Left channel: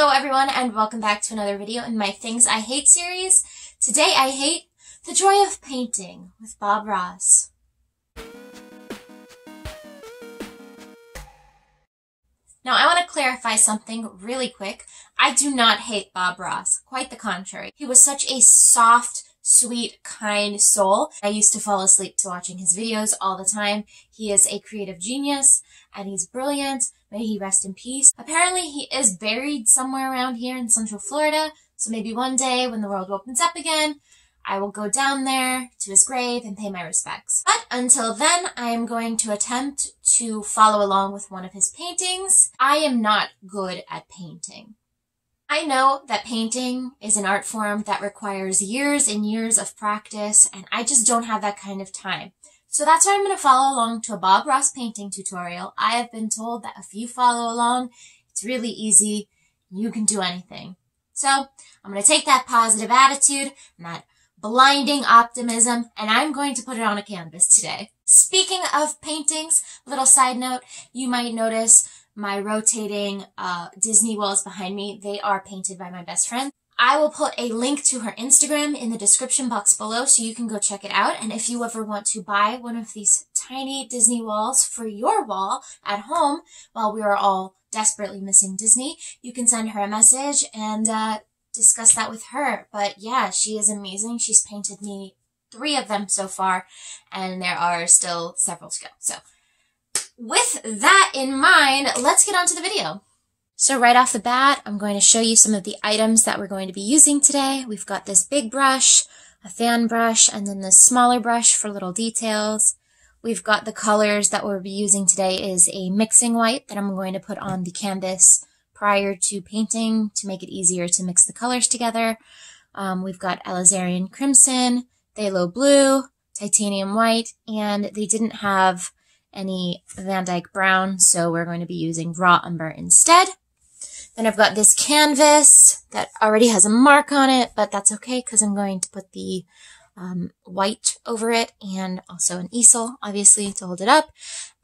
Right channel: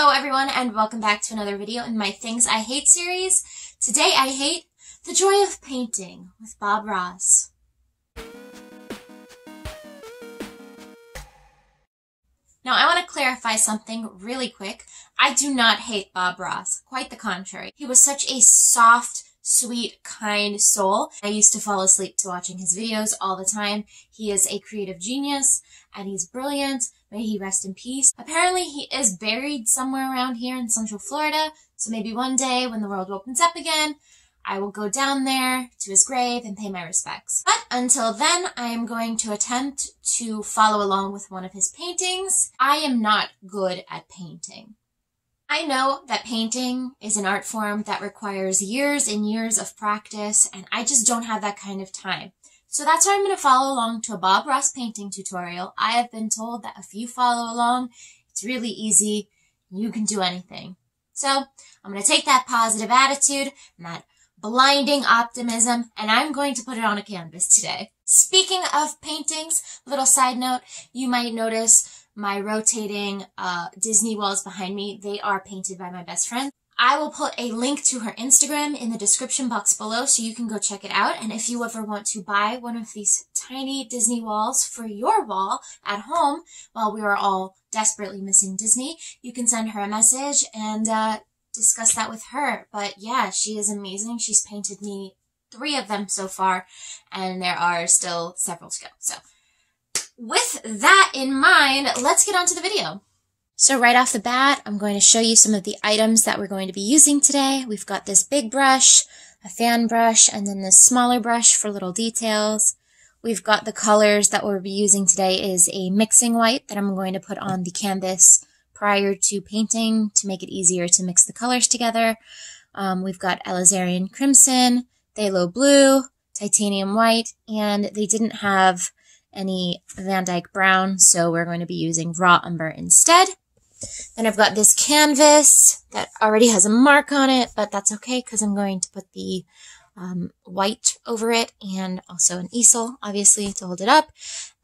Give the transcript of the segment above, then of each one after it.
Hello everyone and welcome back to another video in my Things I Hate series. Today I hate the joy of painting with Bob Ross. Now I want to clarify something really quick. I do not hate Bob Ross, quite the contrary. He was such a soft, sweet, kind soul. I used to fall asleep to watching his videos all the time. He is a creative genius and he's brilliant. May he rest in peace. Apparently he is buried somewhere around here in Central Florida, so maybe one day when the world opens up again, I will go down there to his grave and pay my respects. But until then, I am going to attempt to follow along with one of his paintings. I am not good at painting. I know that painting is an art form that requires years and years of practice, and I just don't have that kind of time. So that's why I'm going to follow along to a Bob Ross painting tutorial. I have been told that if you follow along, it's really easy. You can do anything. So I'm going to take that positive attitude and that blinding optimism, and I'm going to put it on a canvas today. Speaking of paintings, little side note, you might notice my rotating Disney walls behind me. They are painted by my best friend. I will put a link to her Instagram in the description box below so you can go check it out. And if you ever want to buy one of these tiny Disney walls for your wall at home while we are all desperately missing Disney, you can send her a message and discuss that with her. But yeah, she is amazing. She's painted me 3 of them so far, and there are still several to go. So with that in mind, let's get on to the video. So right off the bat, I'm going to show you some of the items that we're going to be using today. We've got this big brush, a fan brush, and then this smaller brush for little details. We've got the colors that we'll be using today is a mixing white that I'm going to put on the canvas prior to painting to make it easier to mix the colors together. We've got Alizarin Crimson, Phthalo Blue, Titanium White, and they didn't have any Van Dyke Brown, so we're going to be using Raw Umber instead. Then I've got this canvas that already has a mark on it, but that's okay because I'm going to put the white over it and also an easel, obviously, to hold it up.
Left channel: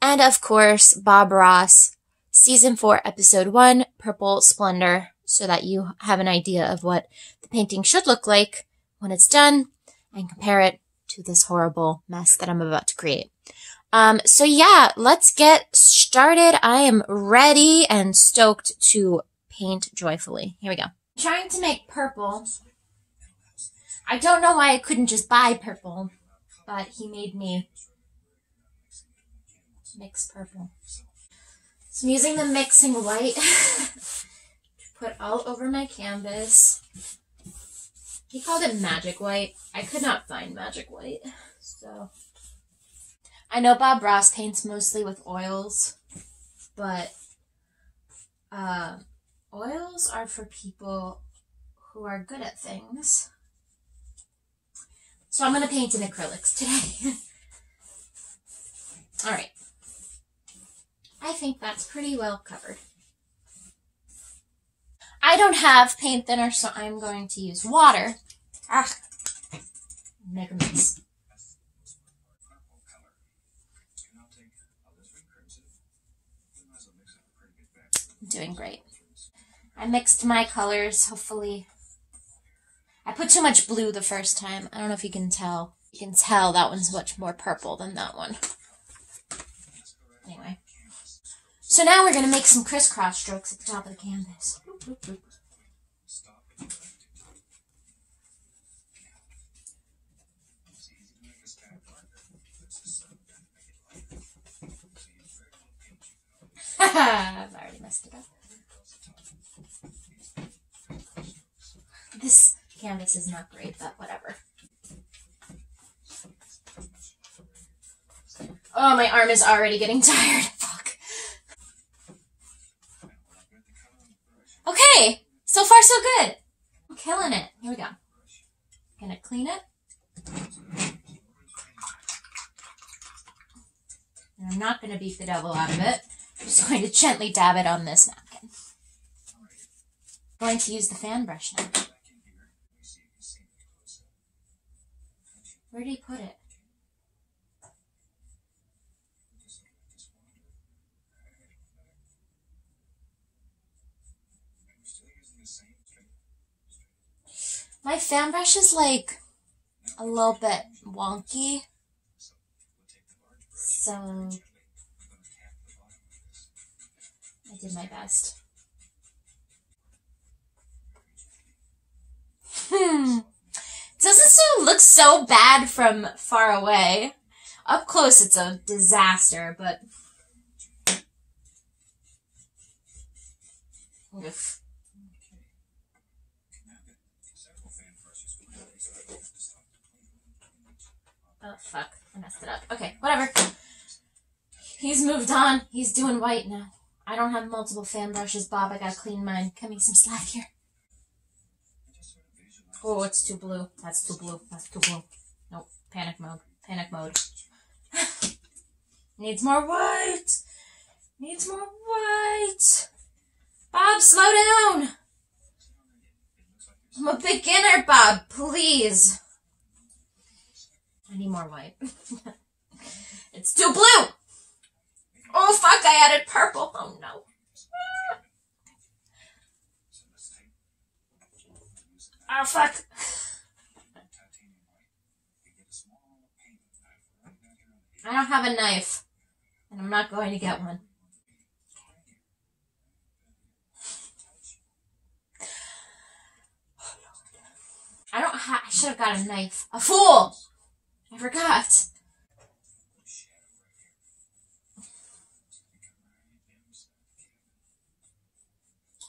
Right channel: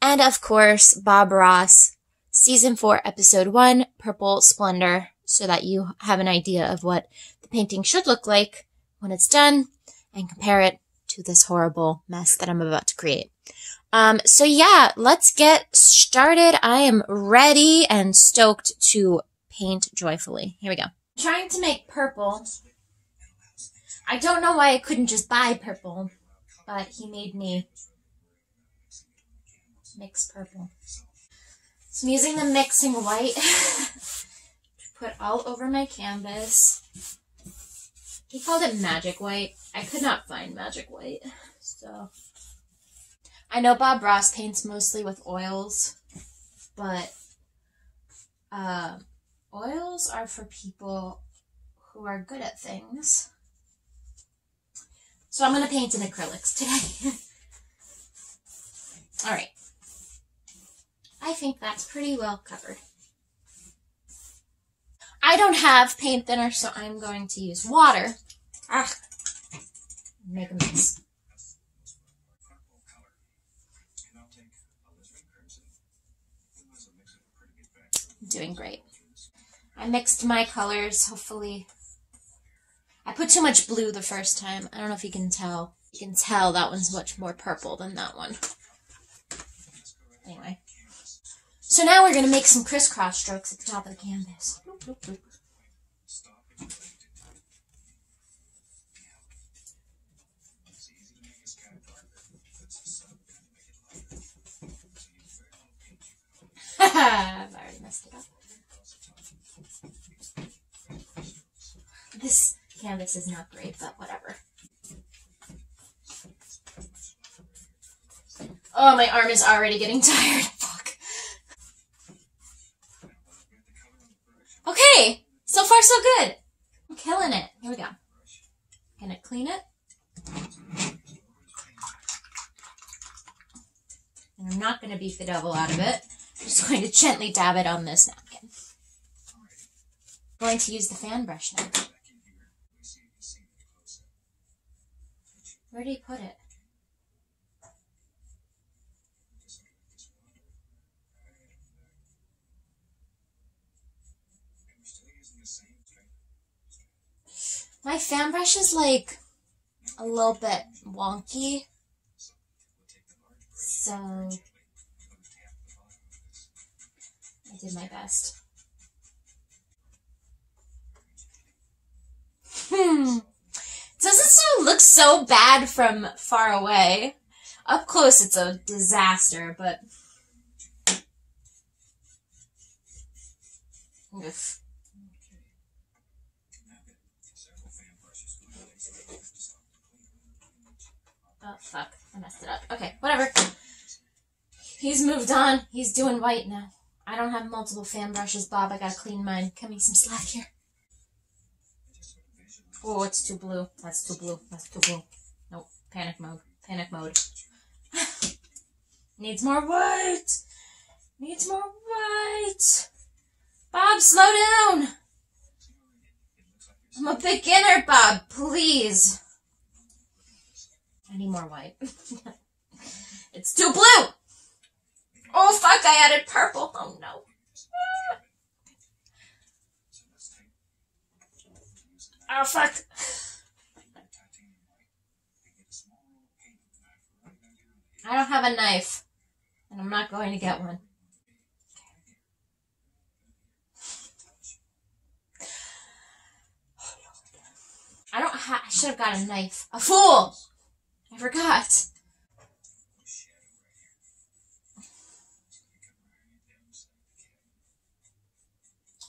And of course, Bob Ross, Season 4, Episode 1, Purple Splendor, so that you have an idea of what the painting should look like when it's done and compare it to this horrible mess that I'm about to create. So yeah, let's get started. I am ready and stoked to paint joyfully. Here we go. I'm trying to make purple. I don't know why I couldn't just buy purple, but he made me mix purple. So I'm using the mixing white to put all over my canvas. He called it magic white. I could not find magic white, so I know Bob Ross paints mostly with oils, but oils are for people who are good at things. So I'm going to paint in acrylics today. All right. I think that's pretty well covered. I don't have paint thinner, so I'm going to use water. Make a mess. Doing great. I mixed my colors, hopefully. I put too much blue the first time. I don't know if you can tell. You can tell that one's much more purple than that one. Anyway. So now we're going to make some crisscross strokes at the top of the canvas. Boop, boop, boop. I've already messed it up. This canvas is not great, but whatever. Oh, my arm is already getting tired. Fuck. Okay, so far so good. I'm killing it. Here we go. Gonna clean it. And I'm not gonna beat the devil out of it. I'm just going to gently dab it on this napkin. I'm going to use the fan brush now. Where did he put it? My fan brush is like a little bit wonky, so I did my best. Doesn't look so bad from far away. Up close, it's a disaster, but... Oof. Oh, fuck. I messed it up. Okay, whatever. He's moved on. He's doing white now. I don't have multiple fan brushes, Bob. I gotta clean mine. Cut me some slack here. Oh, it's too blue. That's too blue. That's too blue. Nope. Panic mode. Panic mode. Needs more white. Needs more white. Bob, slow down. I'm a beginner, Bob. Please. I need more white. It's too blue. Oh, fuck. I added purple. Oh, no. Oh, fuck. I don't have a knife, and I'm not going to get one. I should have got a knife. A fool! I forgot.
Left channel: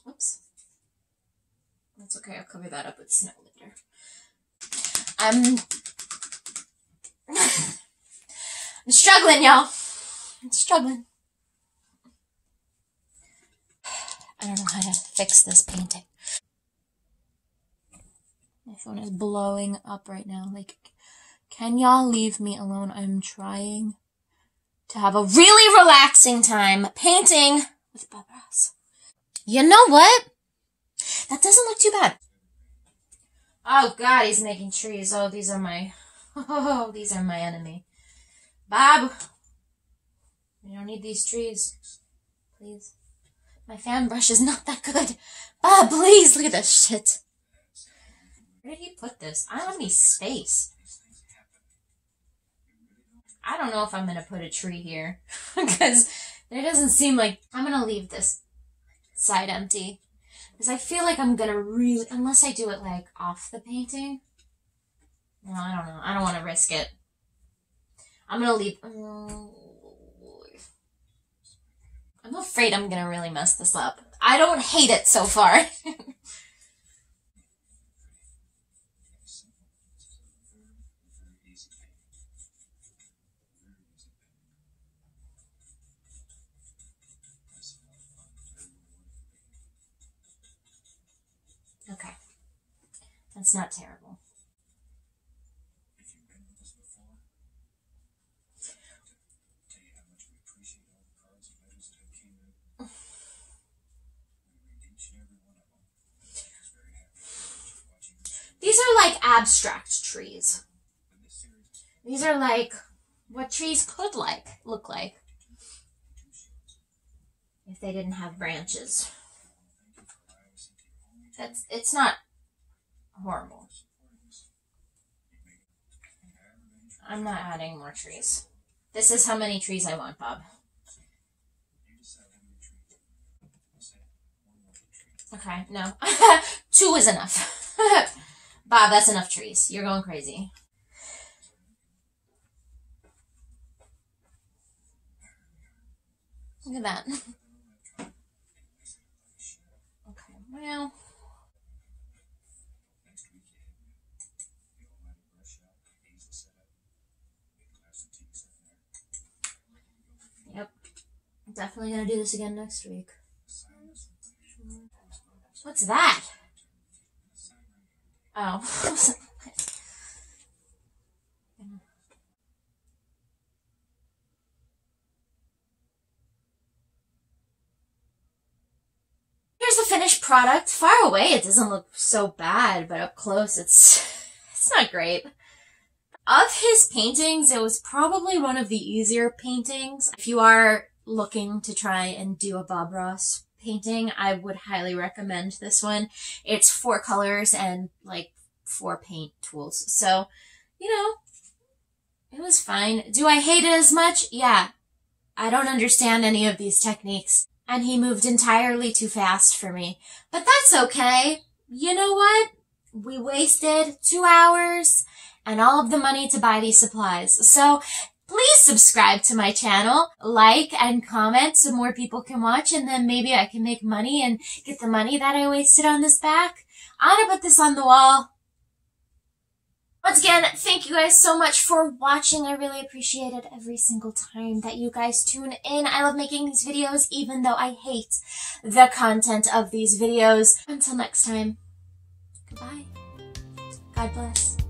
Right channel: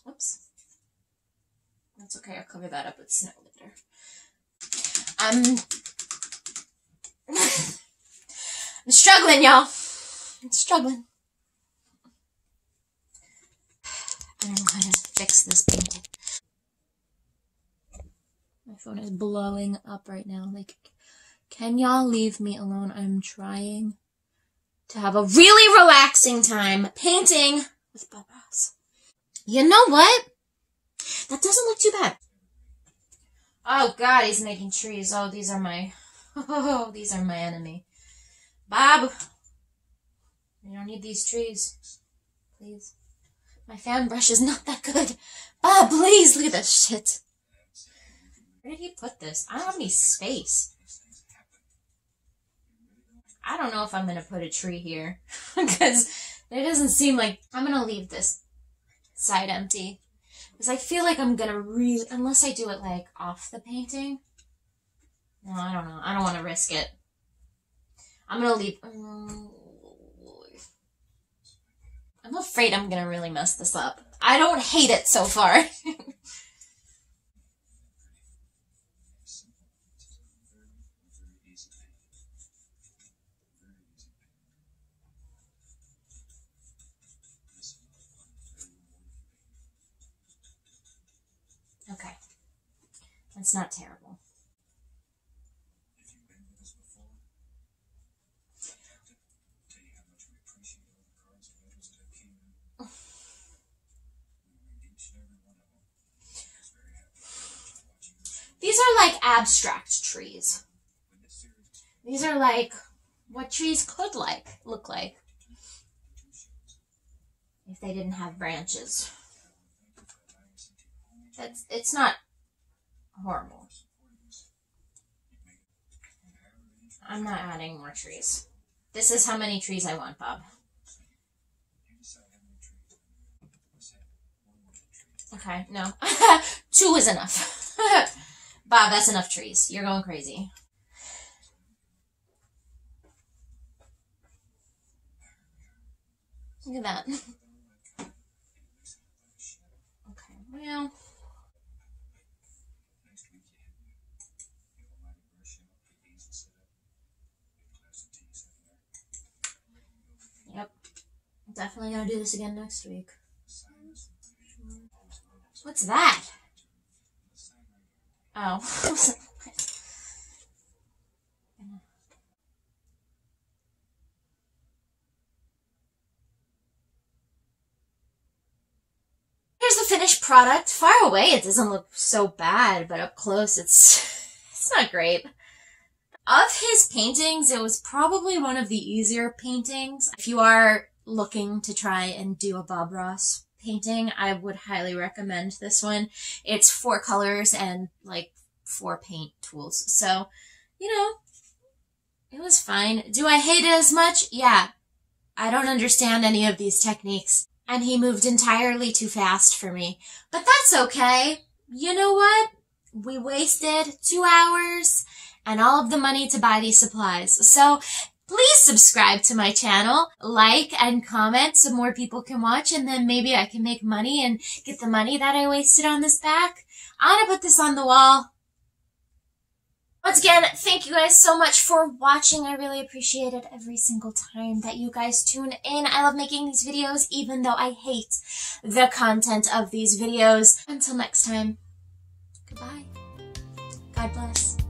Oops. That's okay, I'll cover that up with snow later. I'm struggling, y'all. I'm struggling. I don't know how to fix this painting. My phone is blowing up right now. Like, can y'all leave me alone? I'm trying to have a really relaxing time painting with Bob Ross. You know what? That doesn't look too bad. Oh God, he's making trees. Oh, these are my enemy. Bob, we don't need these trees. Please. My fan brush is not that good. Bob, please, look at this shit. Where did he put this? I don't have any space. I don't know if I'm going to put a tree here. Because it doesn't seem like... I'm going to leave this side empty. Because I feel like I'm going to really... Unless I do it, like, off the painting. Well, I don't know. I don't want to risk it. I'm going to leave... I'm afraid I'm going to really mess this up. I don't hate it so far. Okay. That's not terrible. These are like abstract trees. These are like what trees could look like if they didn't have branches. It's not horrible. I'm not adding more trees. This is how many trees I want, Bob. Okay, no. 2 is enough. Bob, that's enough trees. You're going crazy. Look at that. Okay, well... Yep. Definitely gonna do this again next week. What's that? Oh. Here's the finished product. Far away it doesn't look so bad, but up close it's not great. Of his paintings, it was probably one of the easier paintings. If you are looking to try and do a Bob Ross painting, I would highly recommend this one. It's 4 colors and like 4 paint tools. So, you know, it was fine. Do I hate it as much? Yeah. I don't understand any of these techniques. And he moved entirely too fast for me. But that's okay. You know what? We wasted 2 hours and all of the money to buy these supplies. So please subscribe to my channel, like and comment so more people can watch, and then maybe I can make money and get the money that I wasted on this back. I'm gonna put this on the wall. Once again, thank you guys so much for watching. I really appreciate it every single time that you guys tune in. I love making these videos, even though I hate the content of these videos. Until next time, goodbye. God bless.